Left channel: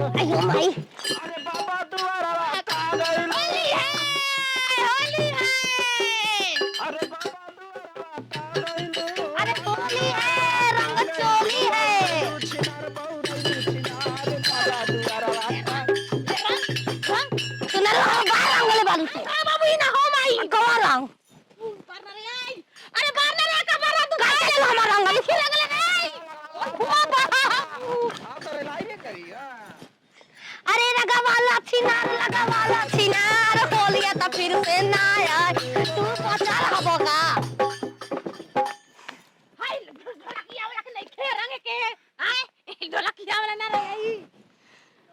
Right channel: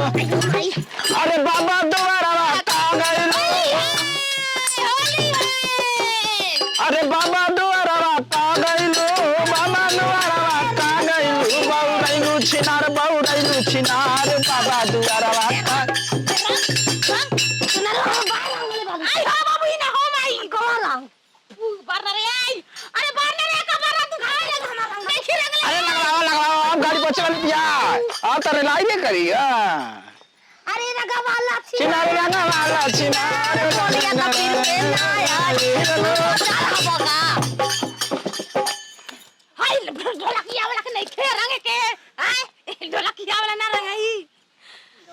अरे बाबा दोबारा अरे बाबा दोबारा बाबा दोबारा छिनार बाबा दोबारा करिएगा अरे रगवाला चिनार बोलिया कबीर के हाय ढोलकिया वाला के नहीं खेरांगे के हाय ढोलकिया वाला ना रही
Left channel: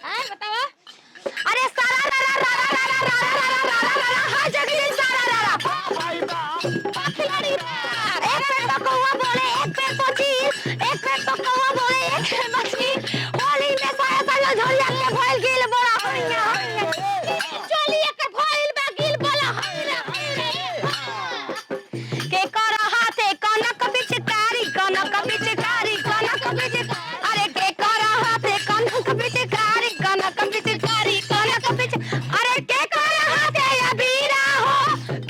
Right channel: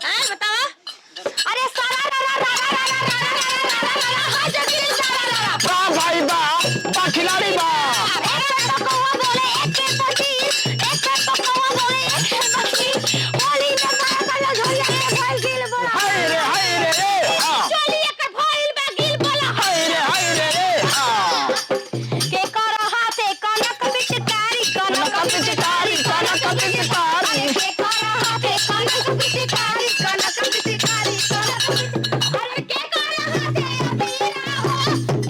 हाय बताओ अरे सारा भाई बा खिलाड़ी बा कौवा बोले एक के पति एक के तो कौवा बोले एक के पति बोली में पाया झोलिया के भाई गिल बोला हाय रे चलिए के फाइल में गिल बोला हाय रे के करो हाथे कनक बिचकारी कनक बिचकारी कनक बिचकारी अरे के करो हाथे कनक बिचकारी कनक बिचकारी कनक बिच अरे के करो हाथे या बीरा हो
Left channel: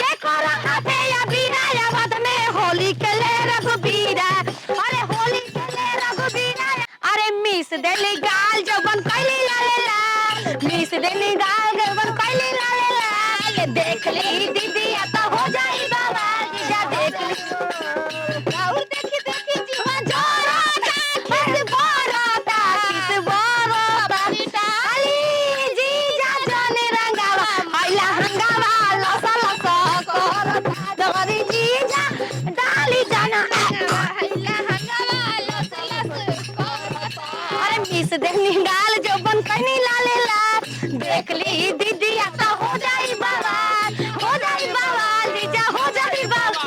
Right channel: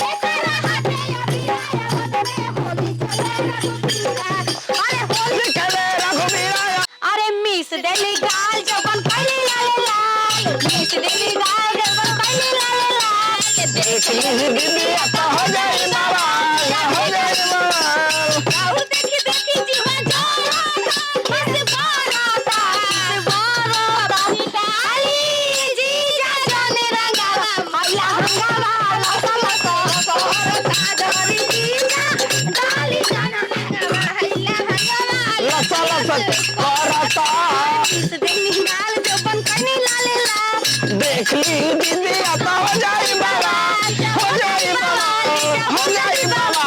के करो हाथे या बीरा या बद में होली खेले रघुबीरा अरे होली खेले रघुबीरा अरे मिस देली गाल जबन कइली लाला मिस देली गाल जबन कइली लाला देख ली दीदी तो हो जाई बाबा हो जाई बाबा देखी देखी जीवन जोरा बस बोराता अली जी जा जानी रंगावा हैला हंगावा लसला सोरता जबरी जी जा डाली जाना हैला हंगावा लसला करता मिस देली गाल जबन कइली लाला देख ली दीदी तो हो जाई बाबा हो जाई बाबा हो जाई बाबा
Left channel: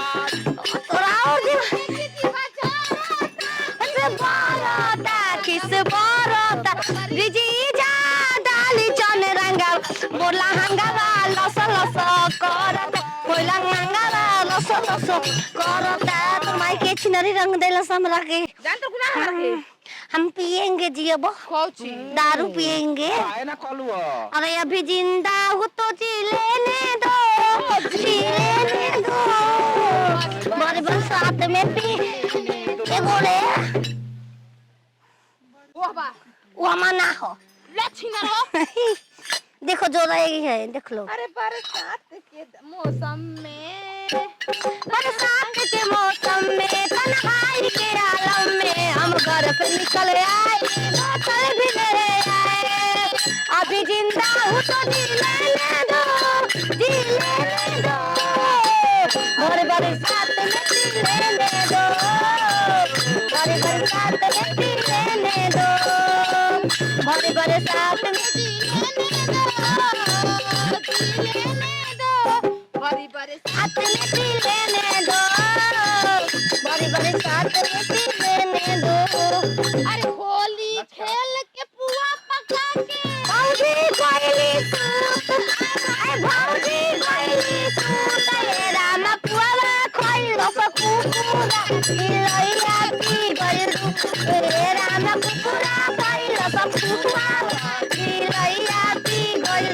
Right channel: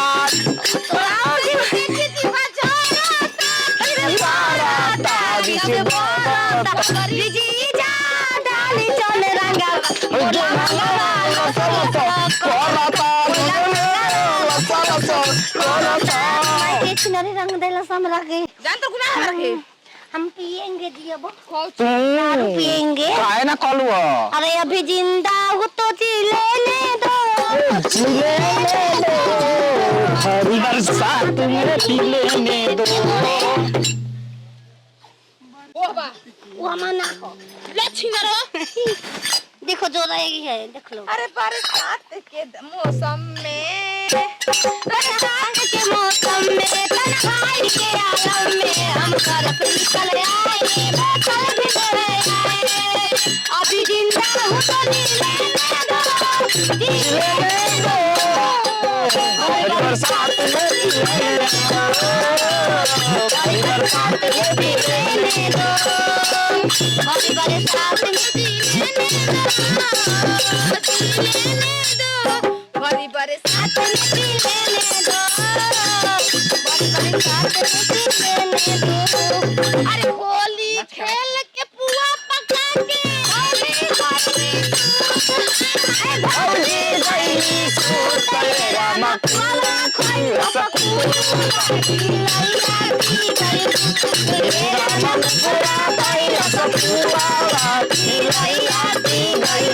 हम पिएंगे जी अब दारू पिएंगे काहे ना कलू अरे अभी जिंदा हो तो जी लेने दो बरसात मेरे लेने दो वो मना हो देखो जो रहेगी है देख लो अरे बरसात के मौसम में बरसात के मौसम में तन्हाई के आलम में हम बर्फ निकल आए बोतल भी ले आए अभी जिंदा हूँ तो जी लेने दो जी लेने दो हर बरसात में जी लेने दो हर बरसात में जी लेने दो हर बरसात में जी लेने दो बड़ी बरसात अरे होली खेल के पुआ पका के भौजी गईली सूट तेरा मपुआ खोई मेरा मपुआ पाई रसपुआ की रैया की गई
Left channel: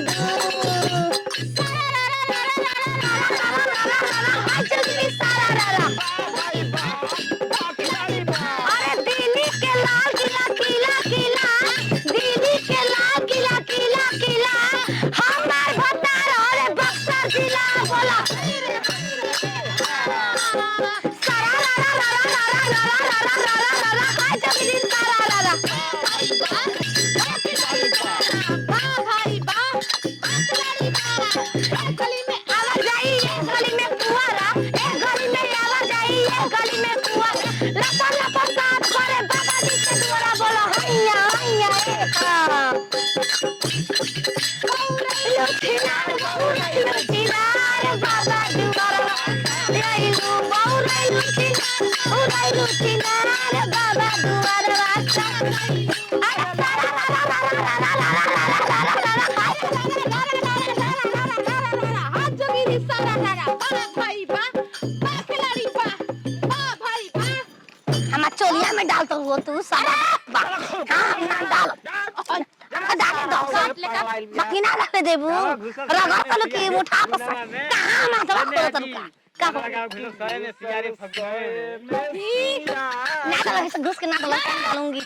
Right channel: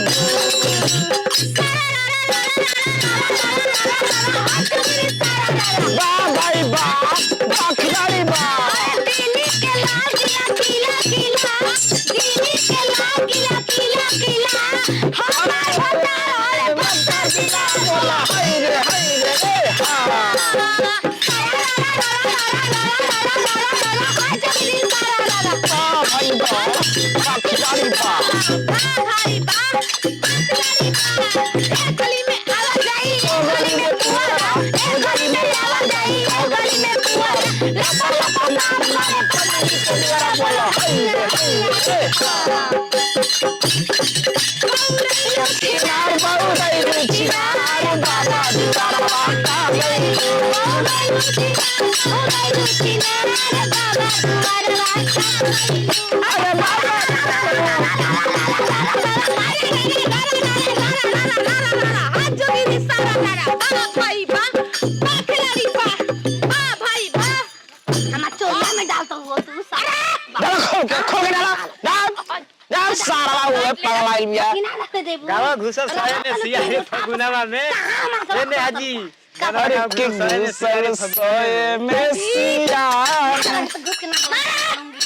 भाई बा खिलाड़ी बा दीदी के लाल किला किला किला दीदी के लाल किला किला किला हमार बता रे बता जिला बोला हाय रे अरे बाबा हमार चोलिया में डालता हुआ तू साला खोल यार सारा वो पगलाइल बिया किना लगते देबू गावा घुसल सने सिया गुनावा में ने हाजी अरे के घुसल सोए में सिया घुस के ना डालूंगी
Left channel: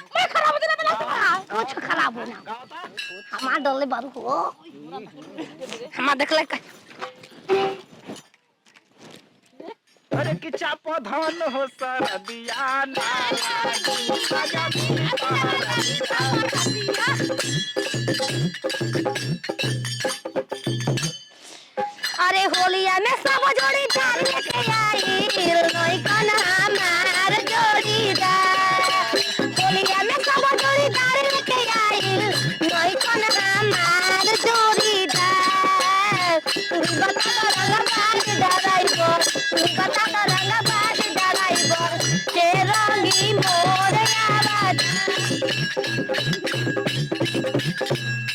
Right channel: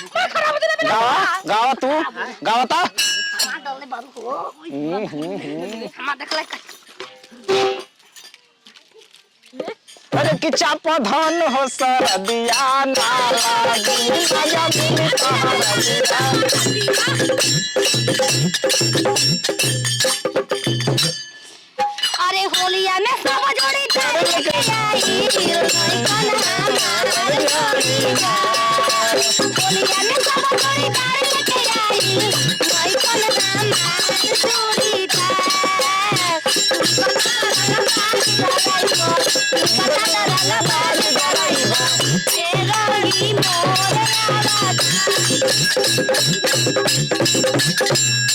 गावा तू गावा ता हमार डले बाबू हो हमार देखला अरे कि चाप धन हो सर दिया ना लागी आजा दिल अरे होलिया में सब जोड़ी तार लेके आई कोई करा मार जोड़ीदा होलिया में सब जोड़ी तार लेके आई कोई करा मार जोड़ीदा पता करना बाल जराइबा तेरी मोर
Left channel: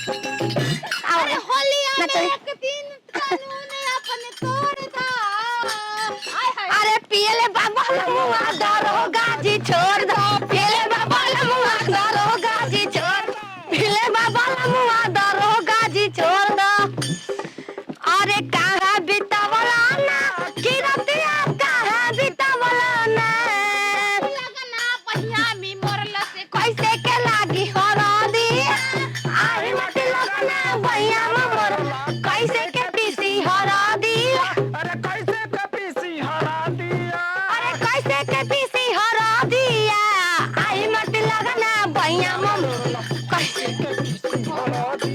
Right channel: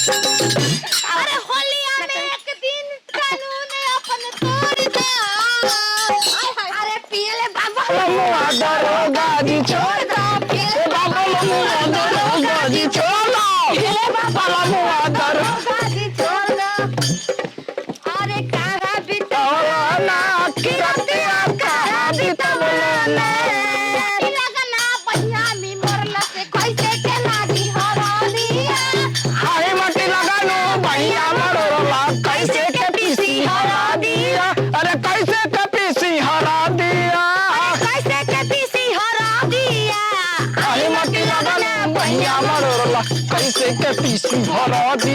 अरे होलिया में एक दिन कानून अपने तोड़ दा अरे पीले बाबा दरोगा जी छोड़ दो पीले बाबा दरोगा जी छोड़ दो पीले बाबा दरोगा जी छोड़ दो अरे कारा बितौला ना किरतिया करा दी तमने लगना पहिया में मोरला से कैसे के लागी हरदिया आई मटी लगानो भैया मरोला कैसे के पीसी हरा दिया अरे कैसे के पीसी हरा दिया कैसे के पीसी हरा दिया आई मटी लगानो भैया मरोला कैसे के पीसी हरा दिया